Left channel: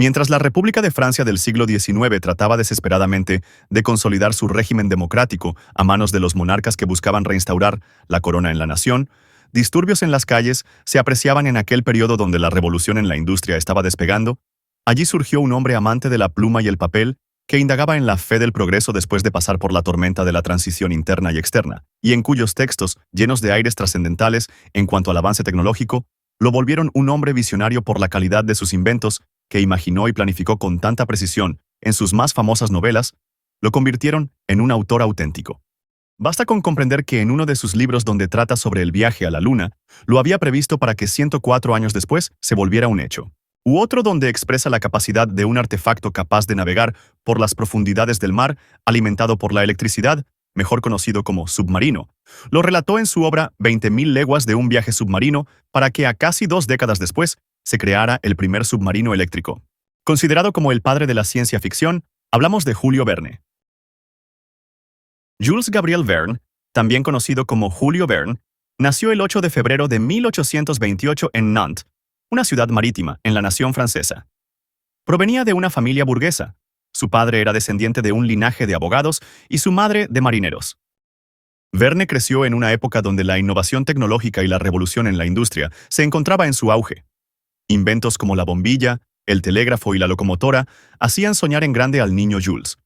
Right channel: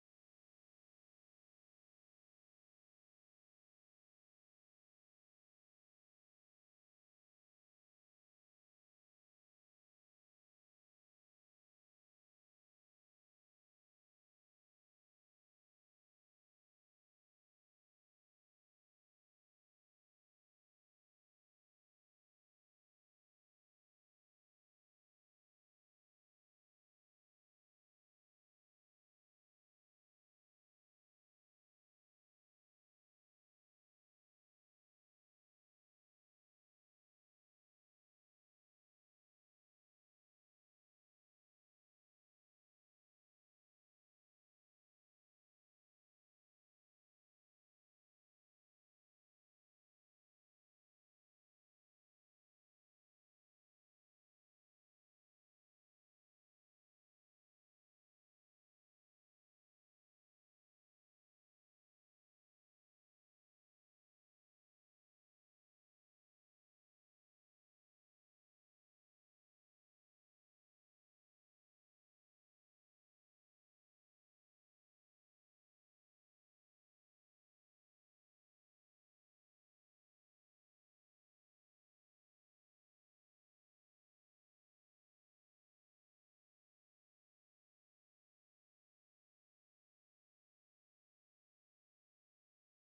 Mientras la República de Francia del siglo XIX trataba desesperadamente de consolidar su régimen democrático a manos de los monarcas que buscaban reinstaurar la corona en la nación, disturbios en las calles se apreciaban en aquel periodo donde la revolución en la industria estaba despegando. Allí surgió un hombre amante de la pluma y el papel que indagaba en la fe del progreso después de pasar por la tormenta de la transición interna y externa, y en cuyos textos, llenos de aires trascendentales en cuanto al avance tecnológico, lo volvieron un hombre visionario por la calidad de sus inventos, que imaginó y planificó con tanta precisión en sus más famosas novelas, lo convirtieron en un autor auténtico. Basta con comprender que en uno de sus libros donde trata sobre el viaje a la Luna, lo había previsto para que 104 años después se volviera un hecho. U otro donde expresa la capacidad de un artefacto capaz de navegar por las profundidades del mar, alimentado por la electricidad, mejor conocido como submarino. Lo relató en su obra 20.000 leguas de un viaje submarino, para que a casi 2 décadas después se creara el primer submarino eléctrico. Considerado como el padre de la ciencia ficción, hablamos de Julio Verne. Jules Gabriel Verne, también conocido como Julio Verne, nació el 8 de febrero de 1828 en Nantes, una ciudad marítima en la nación francesa. Provenía de una familia burguesa. Su padre era descendiente de un linaje de abogados y su madre de marineros. Verne creció en una época donde la innovación tecnológica y la revolución en la industria se encontraba en su auge. Inventos como la bombilla, el telégrafo y la locomotora hacían soñar en grande al niño Jules.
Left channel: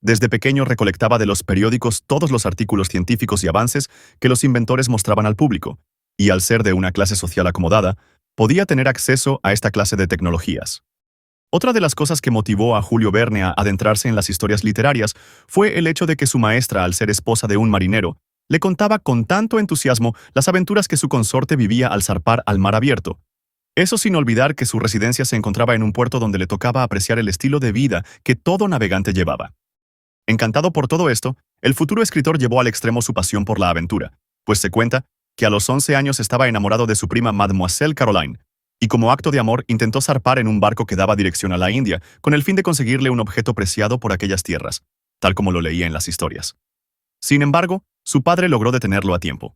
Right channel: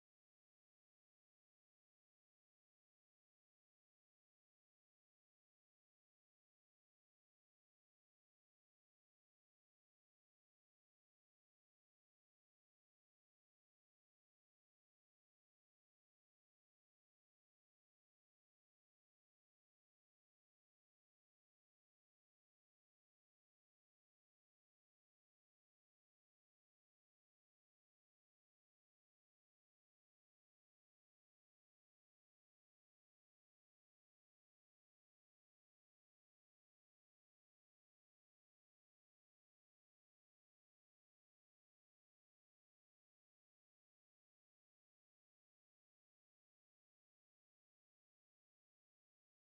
Desde pequeño recolectaba de los periódicos todos los artículos científicos y avances que los inventores mostraban al público, y al ser de una clase social acomodada, podía tener acceso a esta clase de tecnologías. Otra de las cosas que motivó a Julio Verne a adentrarse en las historias literarias fue el hecho de que su maestra, al ser esposa de un marinero, le contaba con tanto entusiasmo las aventuras que su consorte vivía al zarpar al mar abierto. Eso sin olvidar que su residencia se encontraba en un puerto donde le tocaba apreciar el estilo de vida que todo navegante llevaba. Encantado por todo esto, el futuro escritor llevó al extremo su pasión por la aventura, pues se cuenta que a los 11 años estaba enamorado de su prima Mademoiselle Caroline, y como acto de amor intentó zarpar en un barco que daba dirección a la India, con el fin de conseguirle un objeto preciado por aquellas tierras, tal como lo leía en las historias. Sin embargo, su padre logró detenerlo a tiempo.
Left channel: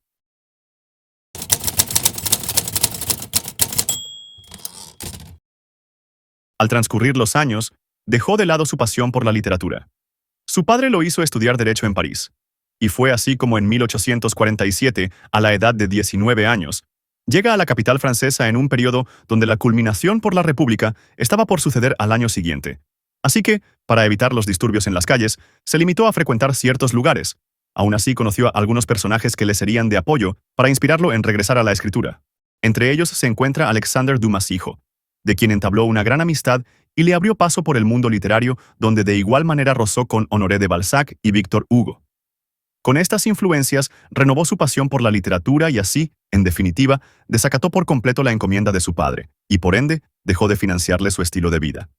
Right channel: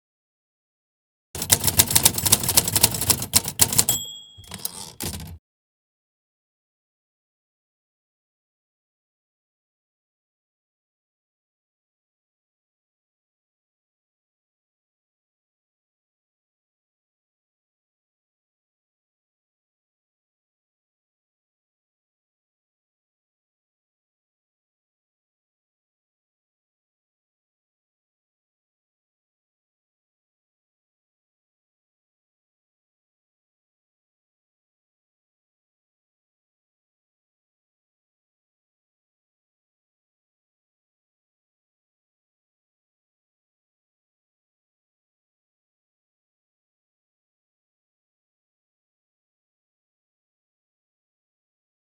Al transcurrir los años, dejó de lado su pasión por la literatura. Su padre lo hizo estudiar Derecho en París, y fue así como en 1847, a la edad de 19 años, llega a la capital francesa en un periodo donde la culminación por la República estaba por suceder al año siguiente. Así que, para evitar los disturbios en las calles, se limitó a frecuentar ciertos lugares. Aún así conoció a algunos personajes que le serían de apoyo para inspirarlo en regresar a la escritura. Entre ellos se encuentra Alexandre Dumas hijo, de quien entabló una gran amistad y le abrió paso por el mundo literario, donde de igual manera rozó con Honoré de Balzac y Víctor Hugo. Con estas influencias, renovó su pasión por la literatura y así, en definitiva, desacató por completo la encomienda de su padre, y por ende, dejó de financiarle su estilo de vida.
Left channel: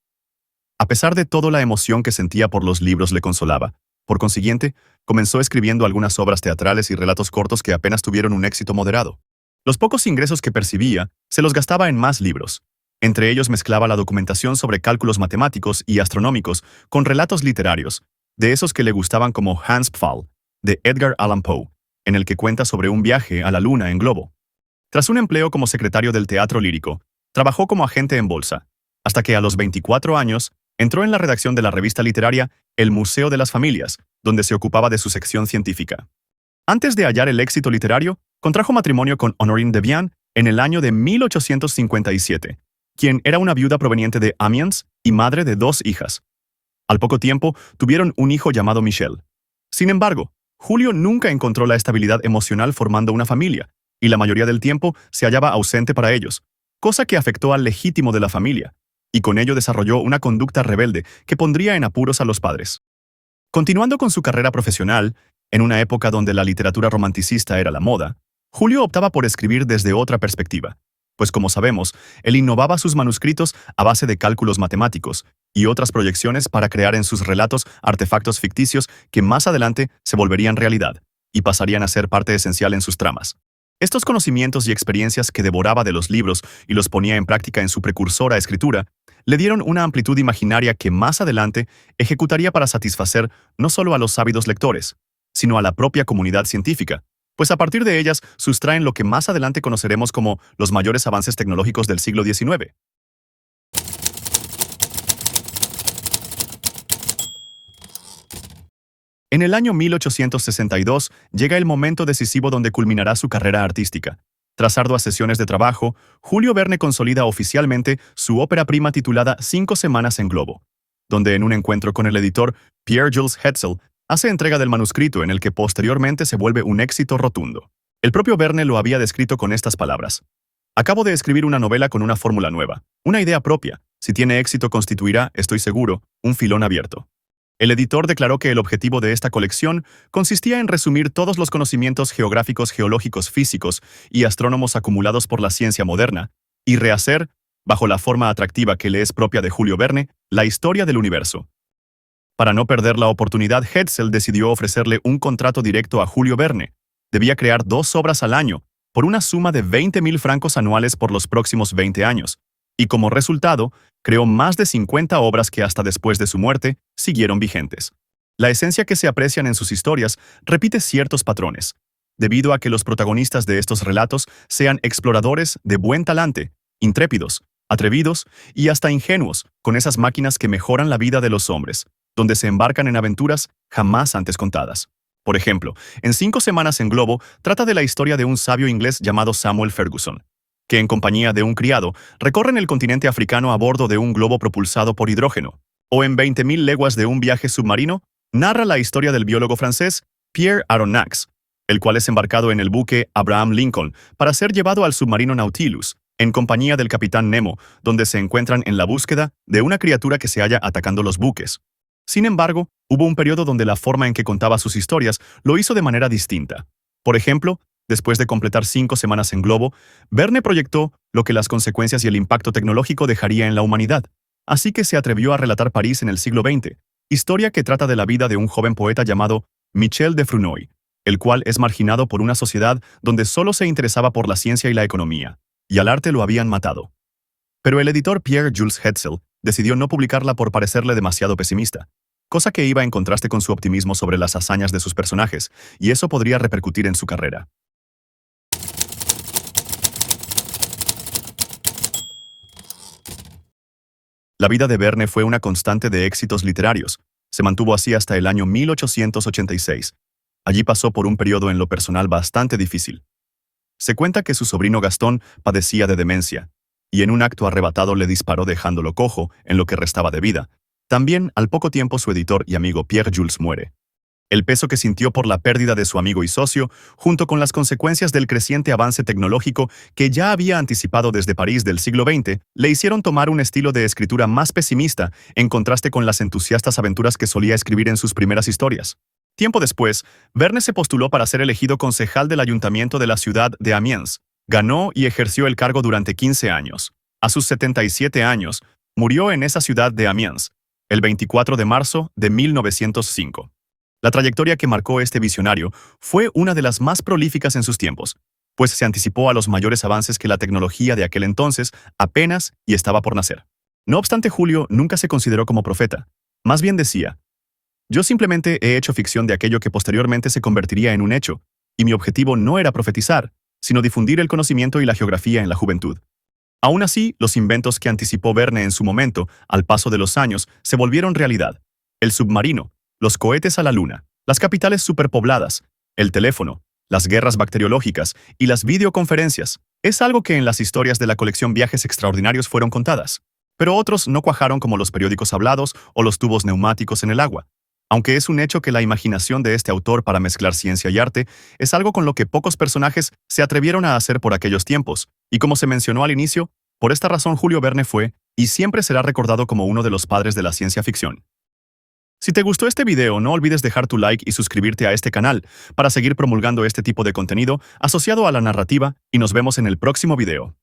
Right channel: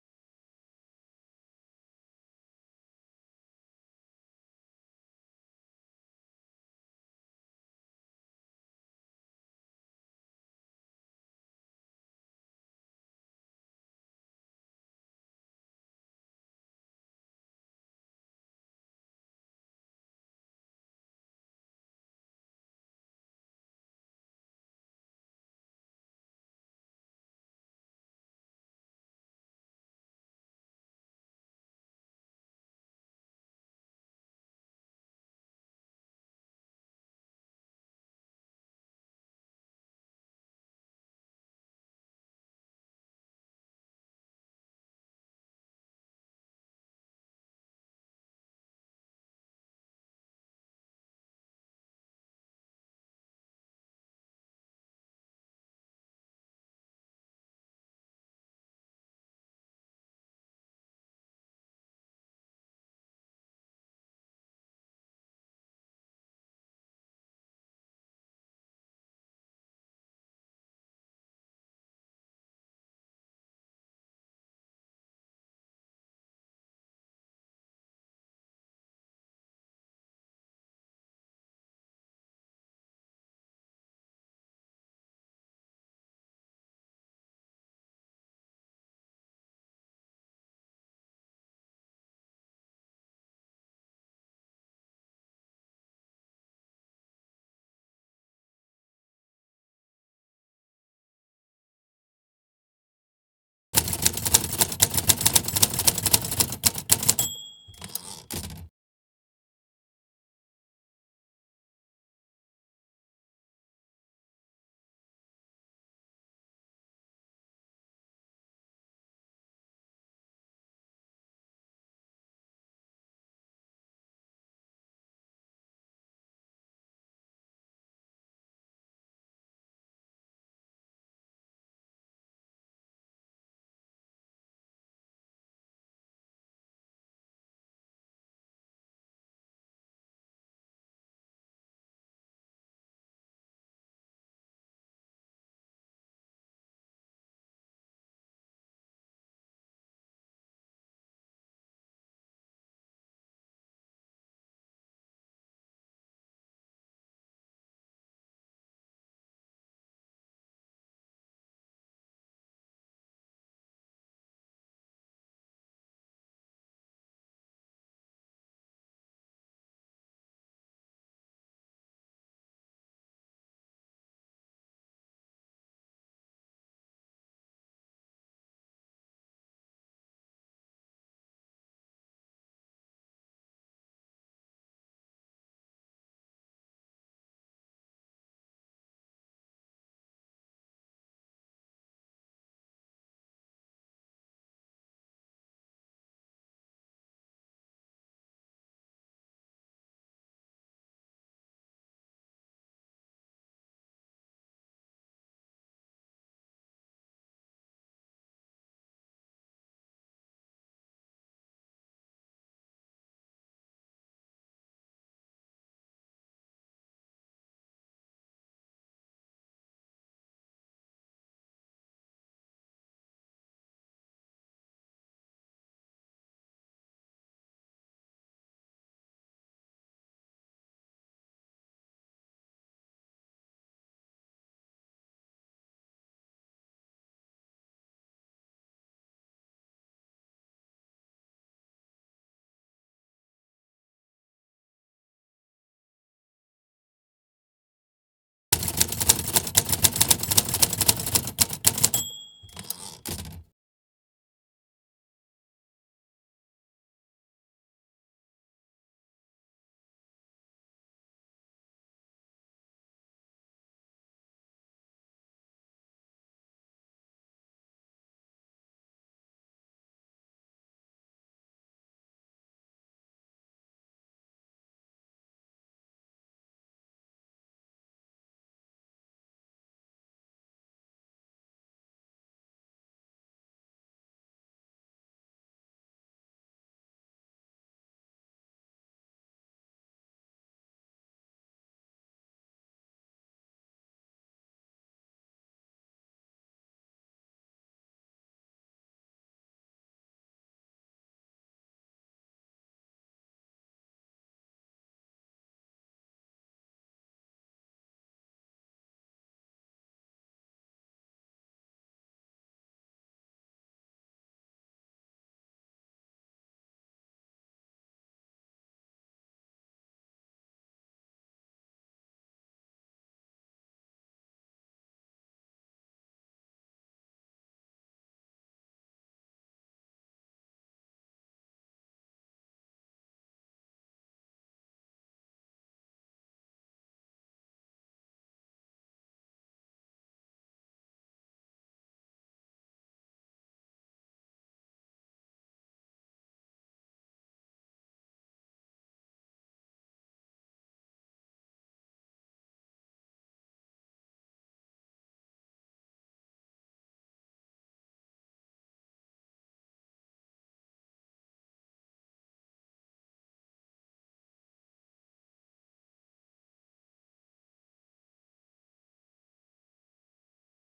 A pesar de todo, la emoción que sentía por los libros le consolaba. Por consiguiente, comenzó escribiendo algunas obras teatrales y relatos cortos que apenas tuvieron un éxito moderado. Los pocos ingresos que percibía, se los gastaba en más libros. Entre ellos mezclaba la documentación sobre cálculos matemáticos y astronómicos con relatos literarios, de esos que le gustaban como Hans Pfaall, de Edgar Allan Poe, en el que cuenta sobre un viaje a la Luna en globo. Tras un empleo como secretario del teatro lírico, trabajó como agente en bolsa, hasta que a los 24 años entró en la redacción de la revista literaria El Museo de las Familias, donde se ocupaba de su sección científica. Antes de hallar el éxito literario, contrajo matrimonio con Honorine de Vian en el año de 1857, quien era una viuda proveniente de Amiens y madre de 2 hijas. Al poco tiempo, tuvieron un hijo llamado Michel. Sin embargo, Julio nunca encontró la estabilidad emocional formando una familia, y la mayoría del tiempo se hallaba ausente para ellos, cosa que afectó al legítimo de la familia, y con ello desarrolló una conducta rebelde que pondría en apuros a los padres. Continuando con su carrera profesional, en una época donde la literatura romanticista era la moda, Julio optaba por escribir desde otra perspectiva, pues como sabemos, él innovaba sus manuscritos a base de cálculos matemáticos y otras proyecciones para crear en sus relatos artefactos ficticios que más adelante se volverían realidad y pasarían a ser parte esencial en sus tramas. Estos conocimientos y experiencias que devoraba de los libros y los ponía en práctica en su precursora escritura, le dieron una amplitud imaginaria que más adelante ejecutaría para satisfacer no solo a los ávidos lectores, sino a la propia comunidad científica, pues a partir de ellas sustraen lo que más adelante conoceremos como los mayores avances tecnológicos del siglo XIX. En el año 1862 llega el momento decisivo donde culminará su carrera artística. Tras arduas sesiones de trabajo, Julio Verne consolida oficialmente su ópera prima titulada 5 semanas en globo, donde en un encuentro con el editor Pierre-Jules Hetzel hace entrega del manuscrito en el que posteriormente se vuelve un éxito rotundo. El propio Verne lo había descrito con estas palabras: acabo de escribir una novela con una fórmula nueva, una idea propia. Si tiene éxito constituirá, estoy seguro, un filón abierto. El editor declaró que el objetivo de esta colección consistía en resumir todos los conocimientos geográficos, geológicos, físicos y astrónomos acumulados por la ciencia moderna, y rehacer, bajo la forma atractiva que le es propia de Julio Verne, la historia del universo. Para no perder la oportunidad, Hetzel decidió ofrecerle un contrato directo a Julio Verne. Debía crear 2 obras al año, por una suma de 20.000 francos anuales por los próximos 20 años, y como resultado, creó más de 50 obras que hasta después de su muerte siguieron vigentes. La esencia que se aprecian en sus historias repite ciertos patrones, debido a que los protagonistas de estos relatos sean exploradores de buen talante, intrépidos, atrevidos y hasta ingenuos, con esas máquinas que mejoran la vida de los hombres, donde se embarcan en aventuras jamás antes contadas. Por ejemplo, en 5 semanas en globo trata de la historia de un sabio inglés llamado Samuel Ferguson, que en compañía de un criado recorren el continente africano a bordo de un globo propulsado por hidrógeno, o en 20.000 leguas de un viaje submarino, narra la historia del biólogo francés Pierre Aronnax, el cual es embarcado en el buque Abraham Lincoln para ser llevado al submarino Nautilus, en compañía del capitán Nemo, donde se encuentran en la búsqueda de una criatura que se halla atacando los buques. Sin embargo, hubo un periodo donde la forma en que contaba sus historias lo hizo de manera distinta. Por ejemplo, después de completar 5 semanas en globo, Verne proyectó lo que las consecuencias y el impacto tecnológico dejaría en la humanidad. Así que se atrevió a relatar París en el siglo XX, historia que trata de la vida de un joven poeta llamado Michel de Frunoy, el cual es marginado por una sociedad donde solo se interesaba por la ciencia y la economía, y al arte lo habían matado. Pero el editor Pierre-Jules Hetzel decidió no publicarla por parecerle demasiado pesimista, cosa que iba en contraste con su optimismo sobre las hazañas de sus personajes, y eso podría repercutir en su carrera. La vida de Verne fue una constante de éxitos literarios. Se mantuvo así hasta el año 1886. Allí pasó por un periodo en lo personal bastante difícil. Se cuenta que su sobrino Gastón padecía de demencia, y en un acto arrebatado le disparó dejándolo cojo en lo que restaba de vida. También, al poco tiempo, su editor y amigo Pierre Jules muere. El peso que sintió por la pérdida de su amigo y socio, junto con las consecuencias del creciente avance tecnológico que ya había anticipado desde París del siglo XX, le hicieron tomar un estilo de escritura más pesimista en contraste con las entusiastas aventuras que solía escribir en sus primeras historias. Tiempo después, Verne se postuló para ser elegido concejal del ayuntamiento de la ciudad de Amiens. Ganó y ejerció el cargo durante 15 años. A sus 77 años, murió en esa ciudad de Amiens, el 24 de marzo de 1905. La trayectoria que marcó este visionario fue una de las más prolíficas en sus tiempos, pues se anticipó a los mayores avances que la tecnología de aquel entonces apenas y estaba por nacer. No obstante, Julio nunca se consideró como profeta. Más bien decía: yo simplemente he hecho ficción de aquello que posteriormente se convertiría en un hecho, y mi objetivo no era profetizar, sino difundir el conocimiento y la geografía en la juventud. Aún así, los inventos que anticipó Verne en su momento, al paso de los años, se volvieron realidad. El submarino, los cohetes a la luna, las capitales superpobladas, el teléfono, las guerras bacteriológicas y las videoconferencias. Es algo que en las historias de la colección Viajes Extraordinarios fueron contadas. Pero otros no cuajaron, como los periódicos hablados o los tubos neumáticos en el agua. Aunque es un hecho que la imaginación de este autor para mezclar ciencia y arte es algo con lo que pocos personajes se atrevieron a hacer por aquellos tiempos, y como se mencionó al inicio, por esta razón Julio Verne fue y siempre será recordado como uno de los padres de la ciencia ficción. Si te gustó este video, no olvides dejar tu like y suscribirte a este canal para seguir promulgando este tipo de contenido asociado a la narrativa, y nos vemos en el próximo video.